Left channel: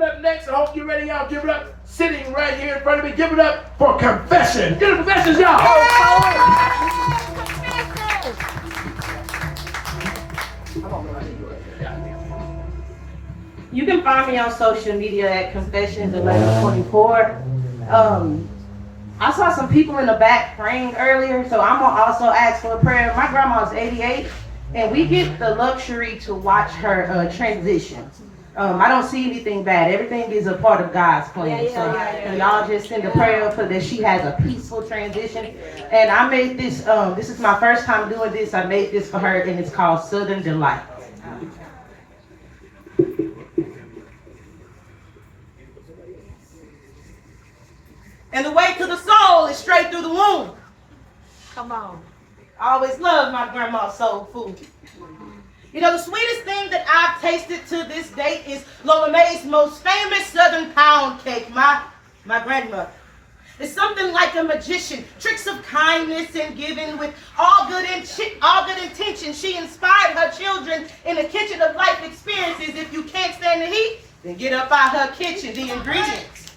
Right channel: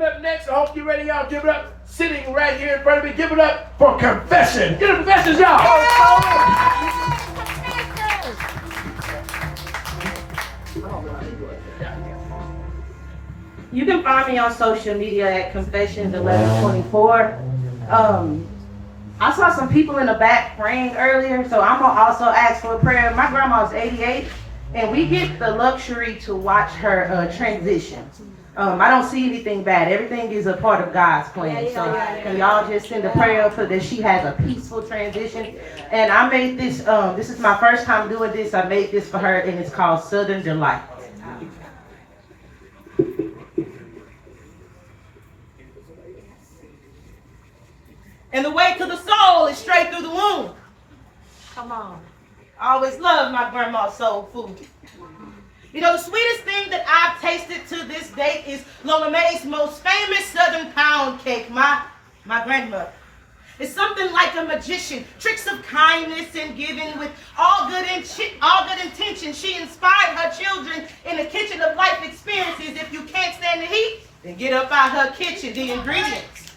Coming up next, I hope you're ready, y'all. Give it up. Sitting right here in front of me. Give it up for confession. Get the confessions, y'all. You can find me on social media at Confessions1124. I saw some people in the back praying earlier, so I'm gonna also ask for a prayer. My grandma's 88, and we get the luxury to watch her transition. I don't see anything bad. Everything is a part of God's plan. So can y'all just send a prayer for that she has a peaceful transition? And I made this, this is my first time doing this. I made this for her, and it's called Southern Delight. And the way to the soul is straight through the womb. Come on. I always loved my grandma's soul food. You know, the sweetest thing that I've tasted to this day is Lola Mae's most famous Southern pound cake, my grandmother. It's something like a magician, tricks of kindness and giving with all good intentions. She inspired her children in the kitchen of life experiences. If you can't stand the heat, then get up out her kitchen. The ingredients,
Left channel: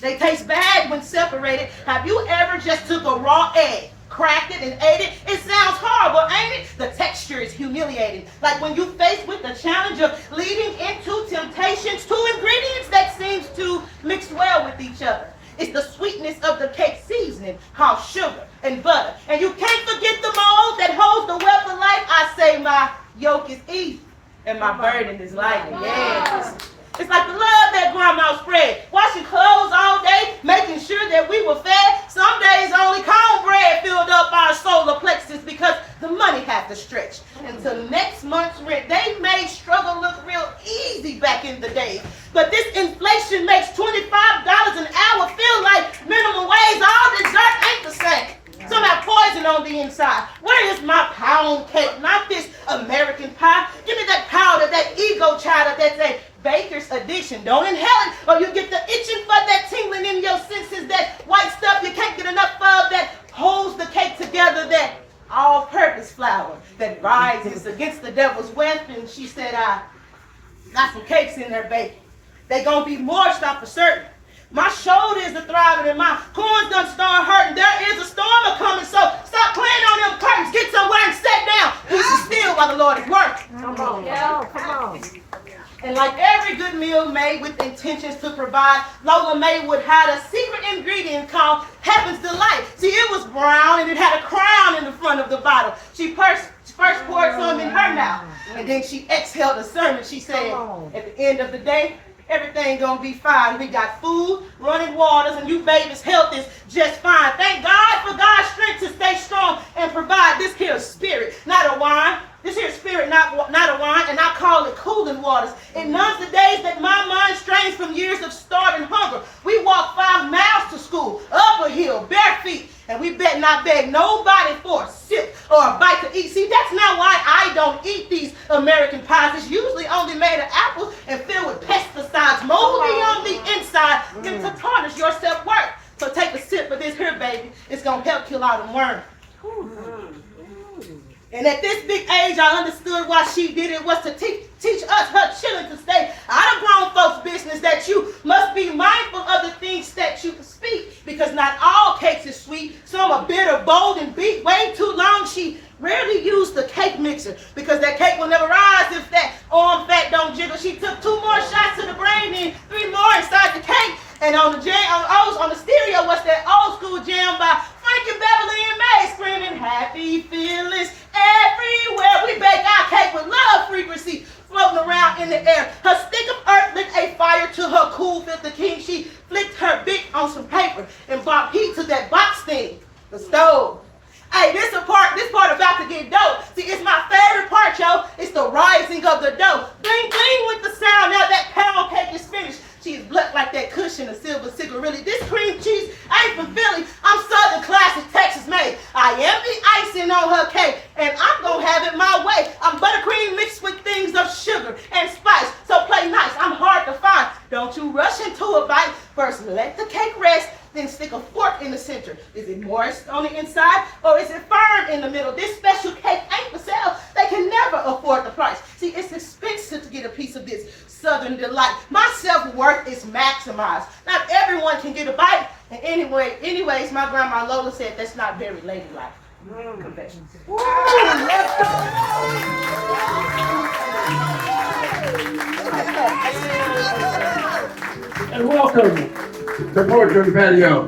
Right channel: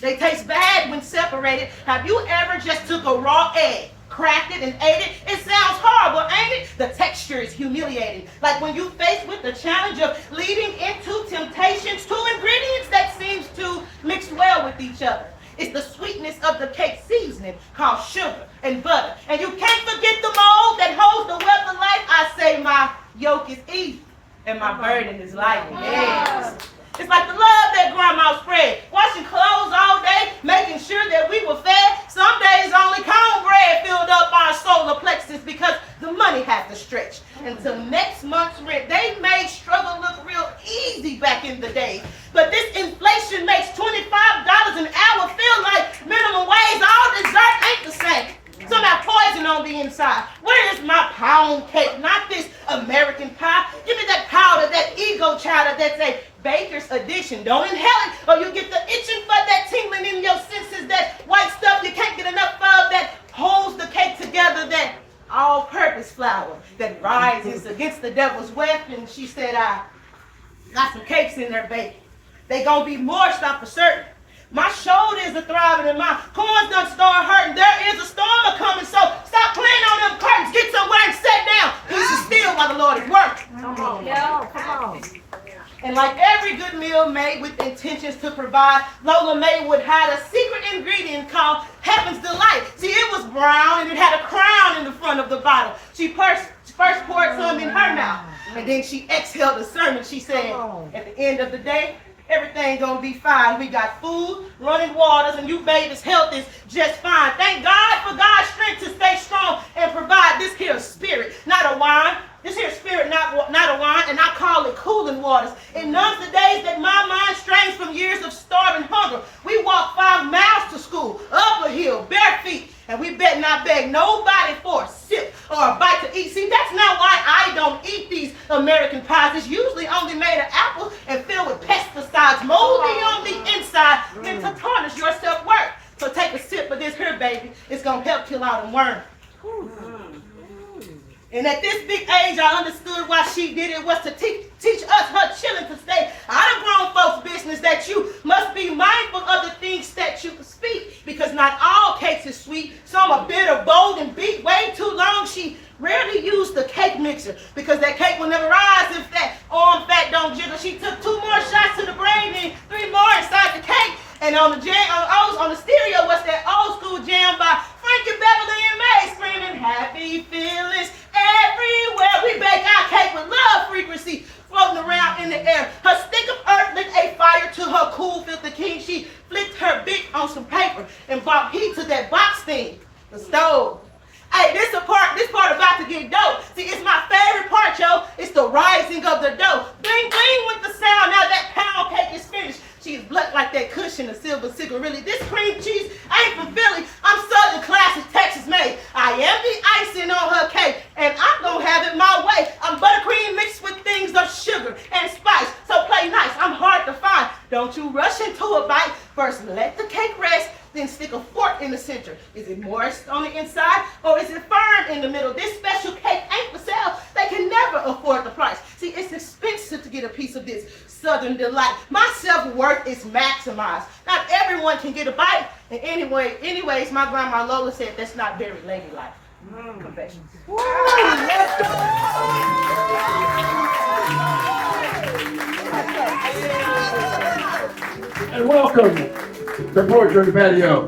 they taste bad when separated. Have you ever just took a raw egg, cracked it, and ate it? It sounds horrible, ain't it? The texture is humiliating. Like when you faced with the challenge of leading into temptations, two ingredients that seems to mix well with each other. It's the sweetness of the cake seasoning called sugar and butter. And you can't forget the mold that holds the wealth of life. I say my yoke is easy and my burden is light. Yes. It's like the love that grandma spread. Washing clothes all day, making sure that we were fed. Some days only cornbread filled up our solar plexus because the money had to stretch. Until next month's rent, they made struggle look real easy back in the day. But this inflation makes $25 an hour feel like minimum wage. All dessert ain't the same. Some have poison on the inside. Where is my pound cake? Not this American pie. Give me that powder, that ego chowder that's a baker's addiction. Don't inhale it or you get the itching for that tingling in your senses, that white stuff you can't get enough of that holds the cake together, that all-purpose flour that rises against the devil's weapon. She said, I got some cakes in there baking. They gonna be moist, I'm for certain. My shoulders are thriving and my corns done start hurting. There is a storm coming, so stop playing on them curtains. Get somewhere and sit down. Peace is still while the Lord is working. Come on, yo, come on. And like every good meal made with intentions to provide, Lola Mae would hide a secret ingredient called Heaven's Delight. See, it was brown and it had a crown in the front of the bottle. She first poured some in her mouth, and then she exhaled a sermon. She said, at the end of the day, everything gonna be fine. We got food, running waters, and you baby's health is just fine. Thank God for God's strength to stay strong and provide this here spirit, not a wine. This here spirit, not a wine, and I call it cooling waters. It numbs the days that my mind strains from years of starving hunger. We walk 5 miles to school, up a hill, bare feet, and we bet not beg nobody for a sip or a bite to eat. See, that's not why I don't eat these American pies. It's usually only made of apples and filled with pesticides, moldy on the inside, meant to tarnish your self-worth. So take a sip of this here, baby. It's going to help kill all the worms. And at this big age, I understood why she did it was to teach us, her children, to stay out of grown folks' business, that you must be mindful of the things that you speak, because not all cakes is sweet. Some are bitter, bold, and beat way too long. She rarely used the cake mixer because that cake will never rise if that arm fat don't jiggle. She took 2 more shots to the brain and 3 more inside the cake. And on the stereo was that old school jam by Frankie Beverly and May, screaming happy feelings everywhere. We bake our cake with love frequency floating around in the air. Her stick of earth lit a fire to her cool filter king. She flicked her bic on some paper and brought heat to that box thing, the stove. Hey, this part about to get dope. See, it's my favorite part, yo. It's the rising of the dough. Bling, bling with the sound. Now that pound cake is finished. She's black like that cushion of silver cigarette. Really, this cream cheese ain't from Philly. I'm Southern classic, Texas made. I am the icing on her cake, and I'm gonna have it my way. I'm buttercream mixed with things of sugar and spice. So play nice. I'm hard to find. Don't you rush into a bite. First, let the cake rest. Then stick a fork in the center. Is it moist on the inside or is it firm in the middle? This special cake ain't for sale. They can never afford the price. See, it's expensive to get a piece of this Southern delight. My self-worth is maximized. Not everyone can get a bite. And anyways, my grandma Lola said that's not very ladylike. Confessions. And welcome to Poetry on the Patio.